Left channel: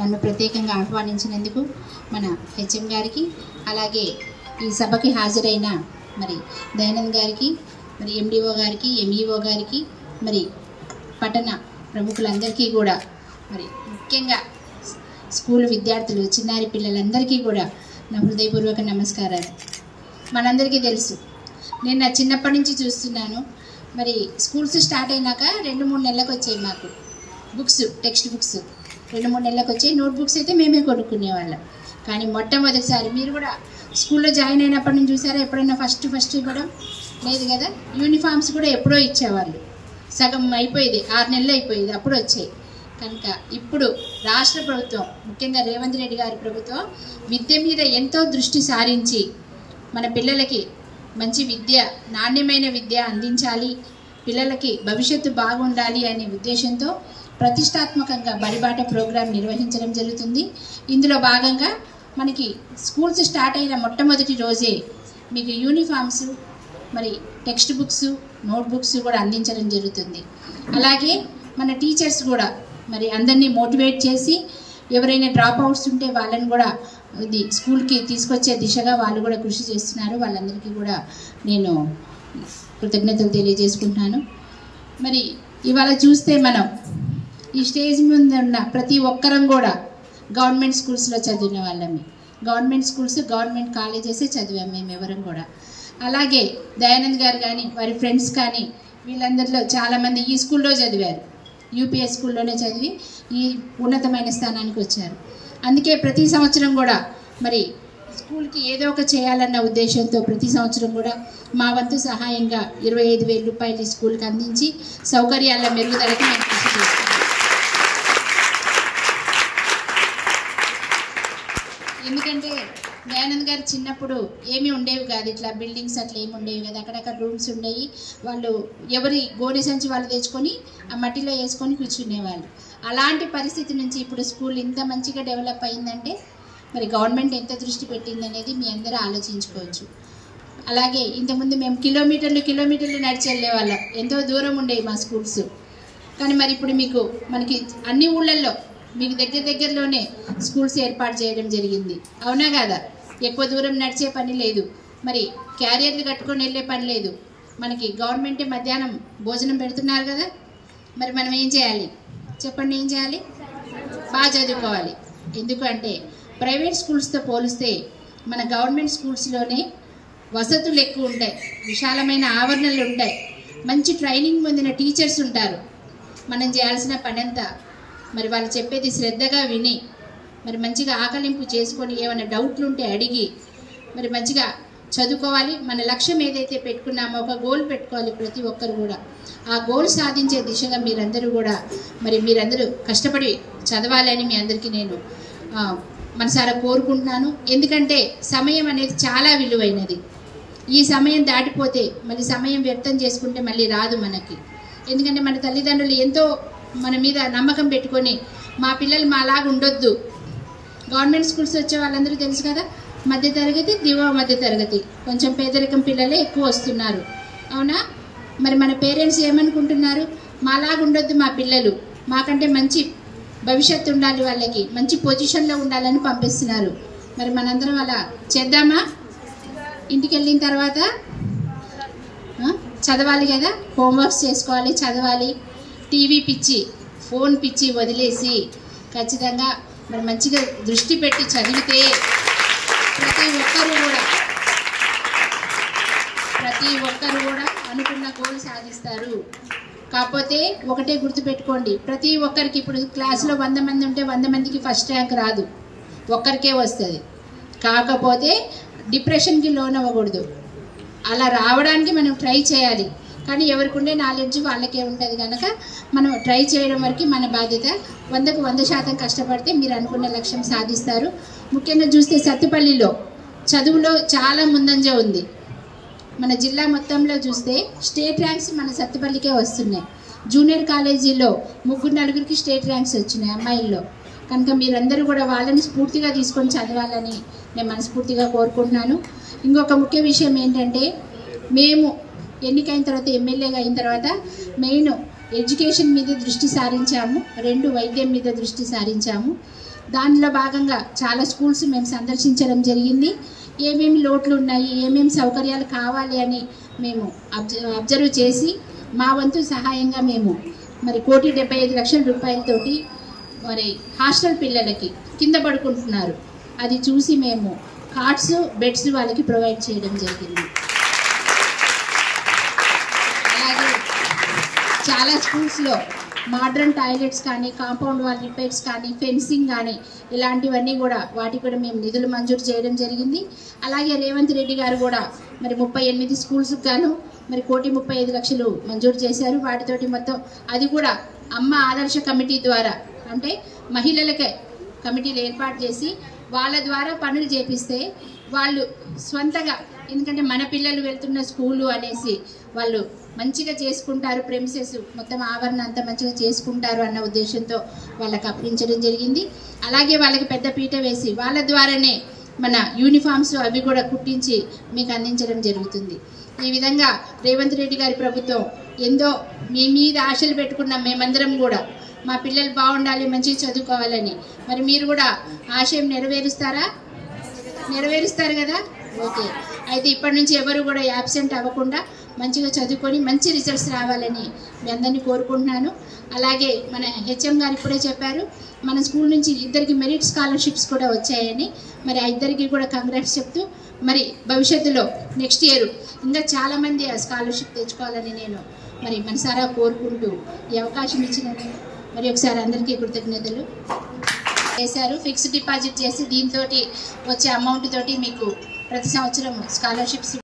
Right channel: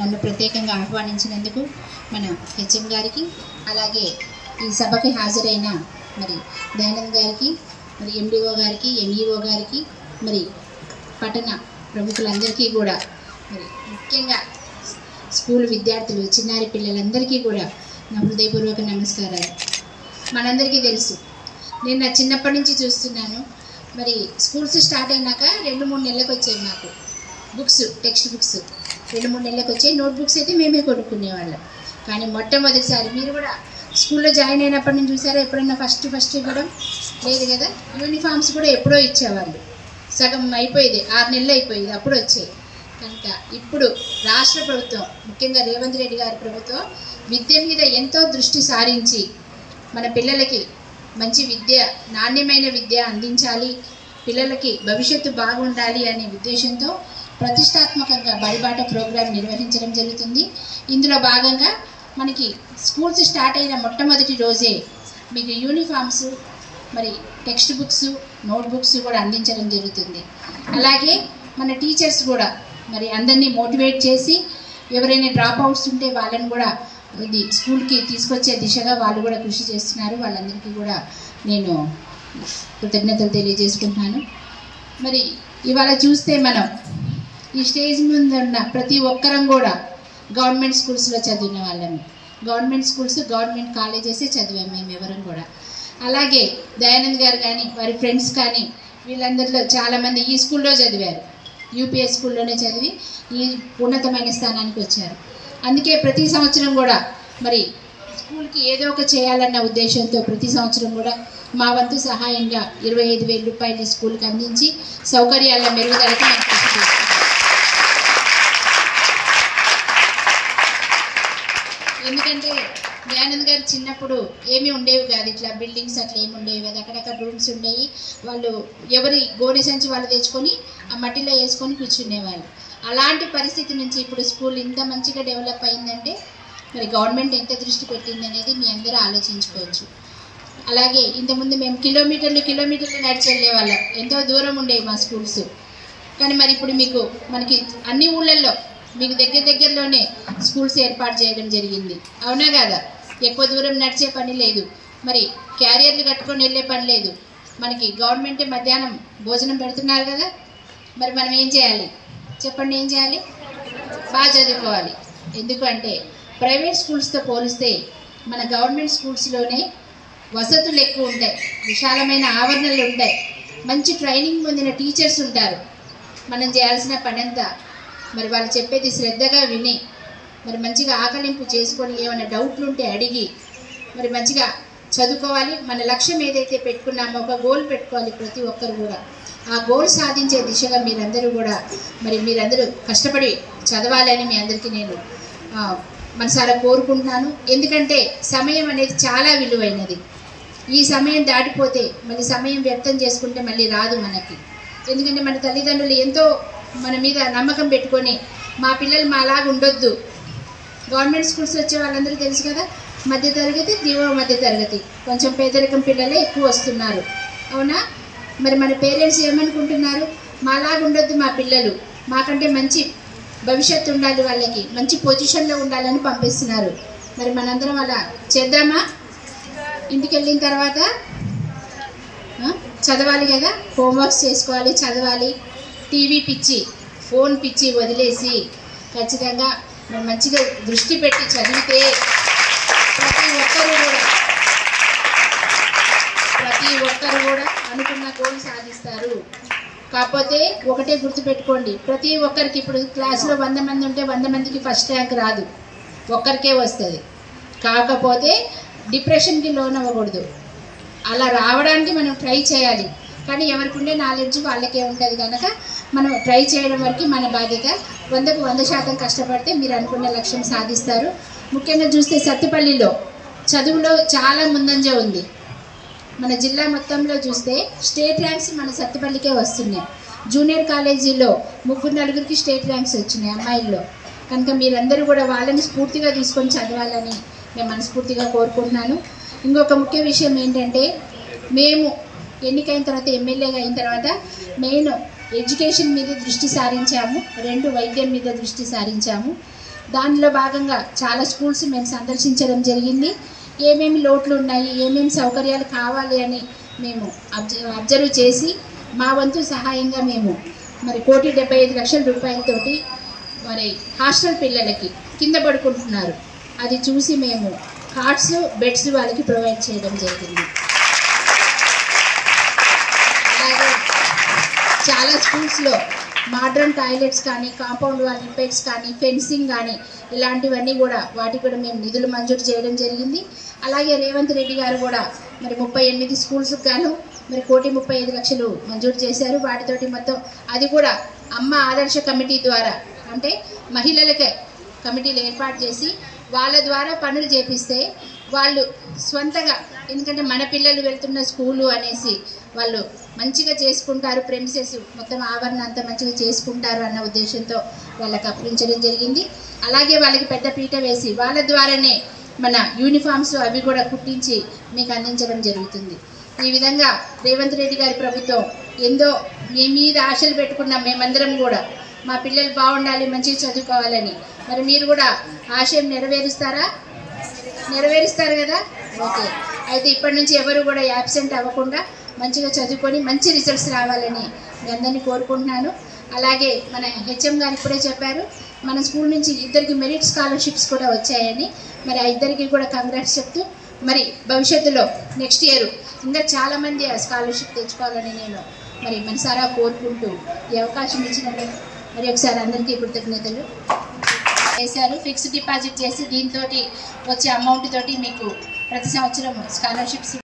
నన్ను ప్రత్యేకంగా ఆహ్వానించినందుకు మన హెచ్ఎం గారికి, అలాగే ఈ సభకి హాజరైన మరి దయానంద్ గారికి, మరి ఎండిఓ గారికి, ఎంఈఓ గారికి, మరి పట్టణ ప్రముఖులందరికీ కూడా, మరి ముఖ్యంగా స్కూల్ విద్యార్థులు, చిన్నారి పిల్లలందరికీ కూడా నా హృదయపూర్వక నమస్కారాలు. మనందరికీ తెలుసు, నేను నా చిన్నప్పటి నుంచి చూస్తున్నాను. మరి స్కూల్స్ స్టార్ట్ అయినాక 2-3 నెలలకు వచ్చాయి మాకు బుక్స్, టెక్స్ట్ బుక్స్ 2-3 నెలలకు వచ్చాయి. నోట్ బుక్స్ అయితే మేమే కొనుక్కునేవాళ్ళం. కానీ మొట్టమొదటిసారి మీరు కూడా స్కూల్లో జాయిన్ అయినప్పటి నుంచి చూసారా ఎప్పుడైనా ఫస్ట్ ఇవ్వడం లేదు కదా. యూనిఫామ్స్ కూడా ఎప్పుడో ఇచ్చేవాళ్ళు, సగం అయిపోయేది, 6 నెలలు అయిపోయేది, అప్పుడు వచ్చాయి. కనుక ఇప్పుడు రాష్ట్ర ప్రభుత్వం, ముఖ్యంగా రేవంత్ రెడ్డి గారి ప్రభుత్వం విద్య మీద ఎంతో దృష్టి సారించి మన పిల్లలకి మంచి విద్య, నాణ్యమైన విద్య అందించాలి, పిల్లలకి భవిష్యత్తు బాగుండాలి అనే ఉద్దేశంతో ప్రతిష్టాత్మకంగా బడిబాట ప్రోగ్రాం నిర్వహించడం జరుగుతుంది. ఇందులో భాగంగా మనకి స్కూల్స్ స్టార్ట్ అయిన మొట్టమొదటి రోజే మీకు యూనిఫామ్స్, మరి టెక్స్ట్ బుక్స్, నోట్ బుక్స్ కూడా అందించడం జరుగుతుంది. అలాగే మన టీచర్స్ కూడా మరి అందరినీ మోటివేట్ చేసి ఎవరైనా డ్రాప్ అవుట్స్ ఉంటే వాళ్ళని కూడా ఇది స్కూల్కి తీసుకొచ్చే దిశగా వాళ్ళు కూడా కృషి చేస్తున్నారు. వాళ్ళందరికీ కూడా నేను కృతజ్ఞతలు తెలియజేసుకుంటున్నాను. మరి ఇవాళ చూస్తే మనం ఈ స్టేజ్ ముందు ఉన్న ప్రతి ఒక్కరం కూడా గవర్నమెంట్ స్కూల్స్లో చదివిన వాళ్ళమే. గవర్నమెంట్ స్కూల్స్, గవర్నమెంట్ కాలేజెసే చదివాము మేము ఎవరం కూడా. అలాగే దయానంద్ గారు కానీ వారి ఫ్రెండ్స్ కానీ వీళ్ళందరిలో చాలామంది ఈ స్కూల్లో చదివారు, యూపీఎస్ స్కూల్లోనే చదివి ఈ ఉన్నతమైన స్థానానికి వచ్చారు. అందుకే ప్రతి సంవత్సరం కూడా మరి స్కూల్కి ఏదో ఒక చేయాలన్న ఉద్దేశంతో ప్రతి సంవత్సరం కూడా మా వంతు సహాయంగా 25,000 రూపాయలు స్కూల్కి అందించి సౌకర్యాల మెరుగుదలకి మేము కృషి చేస్తాం. ఎందుకంటే దయానంద్ గారు చిన్నప్పుడు ఏమీ ఉండేవి కాదు, ఇట్లా బిల్డింగ్స్ అట్లా ఏమి ఉండేవి కాదు, అక్కడక్కడ రూమ్స్ ఉండేవి. వాళ్ళు ఎవరి గోనె సంచి వాళ్ళు తెచ్చుకొని ఆ మట్టిలో వేసుకొని కూర్చునేవాళ్ళు. అలాంటి పరిస్థితి నుంచి ఇప్పుడు స్కూల్ ఇంత మంచిగా డెవలప్ అయిందంటే మరి గవర్నమెంట్ ఎంత దృష్టి పెట్టింది అనేది మీ అందరూ ఆలోచించుకోవచ్చు. అలాగే ఇంతకుముందు మేము కిలోమీటర్లు నడిచి వెళ్ళేవాళ్ళం, ఎంతో దూరం ఉండేవి మా స్కూల్స్. కానీ మరి ఇప్పుడు మనకి అన్ని ఊళ్ళల్లో మీకు దగ్గరలోనే స్కూల్స్ ఏర్పాటు చేయడం జరిగింది, అవునా కాదా? ఎక్కువ దూరం నడిచే పని లేదు, మరి క్యారియర్లు కట్టుకొని వెళ్ళే పని లేదు. మనకి గవర్నమెంటే మధ్యాహ్నం భోజనం పెడుతున్నారు కదా. మరి మనం ఏం చేయాలి చెప్పండి? ఏం చేయాలి? బాగా చదువుకోవాలి. ఎందుకంటే ప్రైవేట్ స్కూల్స్తో పోలిస్తే మన గవర్నమెంట్ స్కూల్స్లోనే వసతులు ఎక్కువ ఉంటాయి, విశాలమైన ఆవరణలు ఉంటాయి, మంచి ట్రైనింగ్ పొందిన టీచర్స్ ఉంటారు. మనం చేయాల్సిన పని అంతా మరి వాళ్ళు చెప్పేది శ్రద్ధగా విని మరి మంచిగా ఆకలింపు చేసుకొని ఏమైనా డౌట్లు ఉంటే అడిగి మరి మంచిగా చదువుకోవాలి. మన లక్ష్యం ఏదైతే పెట్టుకున్నామో ఒక గోల్ పెట్టుకోవాలి ప్రతి ఒక్కరు కూడా. ఆ గోల్ సాధించే దిశగా మీరందరూ కష్టపడి చదవాలని మీ అందరికీ నేను మనసారా కోరుకుంటున్నాను. ఎందుకంటే సమయం అనేది చాలా విలువైనది. ఈ సమయం దాటిపోతే మళ్ళీ సమయం వ్యర్థం చేసుకుంటే మళ్ళీ రాదు మనకి. ఎందుకంటే మన తల్లిదండ్రులు ఎంతో మన మీద నమ్మకం పెట్టుకొని మా పిల్లలు మాలాగా ఉండొద్దు. గవర్నమెంట్ స్కూల్స్ వచ్చే వాళ్ళందరూ తెలుసు కదా, మధ్యతరగతి, దిగువ మధ్యతరగతి, కొంచెం పేదరికం పిల్లలే ఎక్కువ వస్తున్నారు, అవునా? మరి మన పేరెంట్స్ ఏమనుకుంటున్నారు? మాలాగా ఉండొద్దు మా పిల్లలు, మాకంటే మంచి భవిష్యత్తు ఉండాలి, వాళ్ళకి మంచి పొజిషన్లో ఉండాలని పంపిస్తున్నారు. మరి మనందరం అలా చేద్దామా? ఇంటికి వెళ్ళిన తర్వాత చదవాలి కదా, హోంవర్క్స్ చేసుకోవాలి, చదవాలి. టీవీ పిచ్చి, ఫోన్ పిచ్చి వదిలేసి ఖచ్చితంగా మరి మంచిగా దృష్టి పెట్టి చదివితే ప్రతి ఒక్కరు కూడా అనుకున్న గోల్ సాధిస్తారు. కాకపోతే ఒకటే గుర్తుపెట్టుకోండి, ప్రతి ఒక్కరికి ఇప్పుడు క్లాసులో 100 మంది ఉంటే 100 మందికి ఫస్ట్ ర్యాంక్ రాదు, ఒక్కరికే వస్తుంది. కాకపోతే డిప్రెషన్కి లోన్ అవ్వకూడదు, అలా రావడానికి మనం ట్రై చేయాలి. కానీ ఎవరికి ఉండే నాలెడ్జ్ వాళ్ళకే ఉంటుంది కనుక మనం ట్రై చేయడం వరకు మన బాధ్యత. 100కు 100% కష్టపడితే మీరు అనుకున్న లక్ష్యం సాధిస్తారు. ముఖ్యంగా చూస్తే సత్తుపల్లిలో చదువులో చాలా ముందంజ ఉంది. మన జిల్లా మొత్తంలో చూస్తే స్టేట్ ర్యాంక్స్ మన సత్తుపల్లికే వస్తున్నాయి. జూనియర్ కాలేజీలో 3-4కి స్టేట్ ర్యాంక్స్ వచ్చినాయి అమ్మాయిల్లో. కనుక మీరందరూ కూడా వాళ్ళని స్ఫూర్తిగా తీసుకొని చదవాలని నేను మనస్ఫూర్తిగా కోరుకుంటున్నాను. ఇంకొక ముఖ్య విషయం ఏంటంటే, మేము ఎన్నికైన తర్వాత, ఎమ్మెల్యేగా అయిన తర్వాత మెయిన్ ఎడ్యుకేషన్ మీద దృష్టి సారించాము, 2 వైద్యం మీద దృష్టి సారించాము. దానిలో భాగంగా చాలా స్కూల్స్ మేము సందర్శించడం జరిగింది. ఏమేమి లోట్లు ఉన్నాయి, ఏమేమి సౌకర్యాలు కావాలి అని మేము అబ్జర్వ్ చేసి మా వంతు సహాయంగా మేము మరి 1,75,00,000 రూపాయలతోటి మరి హాస్టల్ పిల్లలకి కింద పడుకుంటున్నారు అది చూసి మేము కార్డ్స్, బెడ్స్ వాళ్ళకి ప్రొవైడ్ చేయడం జరిగింది. అలాగే చాలా స్కూల్స్లో మోడ్రన్ టాయిలెట్స్ కానీ, కాంపౌండ్ వాల్ రిపేర్స్ కానీ, ఫెన్సింగ్ కానీ ఇలాంటివన్నీ కూడా వాటికి కూడా మేము నిధులు మంజూరు చేయడం జరిగింది. అలాగే రేవంత్ రెడ్డి గారు కూడా మరి 38 స్కూల్స్కి గాను మరి 1,35,00,000 మంజూరు చేశారు. వాటితోటి మొత్తం అది కూడా అమ్మ ఆదర్శ కమిటీ ద్వారా, అంటే మహిళలకే కమిటీలు ఏర్పాటు చేసి వాళ్ళ ద్వారా పనులు చేపిస్తే వాళ్ళు స్వంతగా, ఎందుకంటే మన పిల్లలు వెళ్తున్న స్కూలు అనేసి వాళ్ళు మంచిగా చేసుకుంటారు, ప్రెమిసెస్ మొత్తం ఆవరణ అంతా మంచిగా చేసుకుంటారు అన్న ఉద్దేశంతో వాళ్ళకి అప్పించడం జరిగింది. అలాగే వాళ్ళకి పెద్ద పీట వేసి వాళ్ళ ద్వారానే మన యూనిఫామ్స్ అవి కూడా కుట్టించి మీకు అందించడం జరుగుతుంది. ఈ విధంగా రేవంత్ రెడ్డి గారి ప్రభుత్వం ఎంతో మీ మీద ఆశలు పెట్టుకున్నాం మేమందరం కూడా, మా పిల్లలు బాగుండాలి, మంచిగా చదువుకోవాలని. మరి మీరు కూడా ఆశయం నెరవేరుస్తారు కదా? ఓకే. అయితే ఇప్పటి నుంచి ఎవరు కూడా యాబ్సెంట్ అవ్వకుండా మంచిగా చదువుకొని మంచి రిజల్ట్స్ రావాలని మీ అందరినీ కోరుకుంటున్నాను. అలాగే మన హెచ్ఎం గారు ఇప్పుడే చెప్పారు, మన స్కూల్ నుంచి 2 మెరిట్ స్కాలర్షిప్స్ కూడా వచ్చాయని. మరి ఆ 2 కూడా కంగ్రాట్స్ చెప్తూ, మరి భవిష్యత్తులో నెక్స్ట్ ఇయర్ ఇంకా చాలామంది ఆ స్కాలర్షిప్ తెచ్చుకోవాలని నేను మరి మనసారా కోరుకుంటూ ఈ అవకాశం ఇచ్చినందుకు మరి ఒకసారి అందరికీ కృతజ్ఞతలు చేశారు. ఫిక్స్డ్ డిపాజిట్ చేసి దీంతో వచ్చే అమౌంట్ తోటి మీకు ప్రతి సంవత్సరం స్కాలర్షిప్స్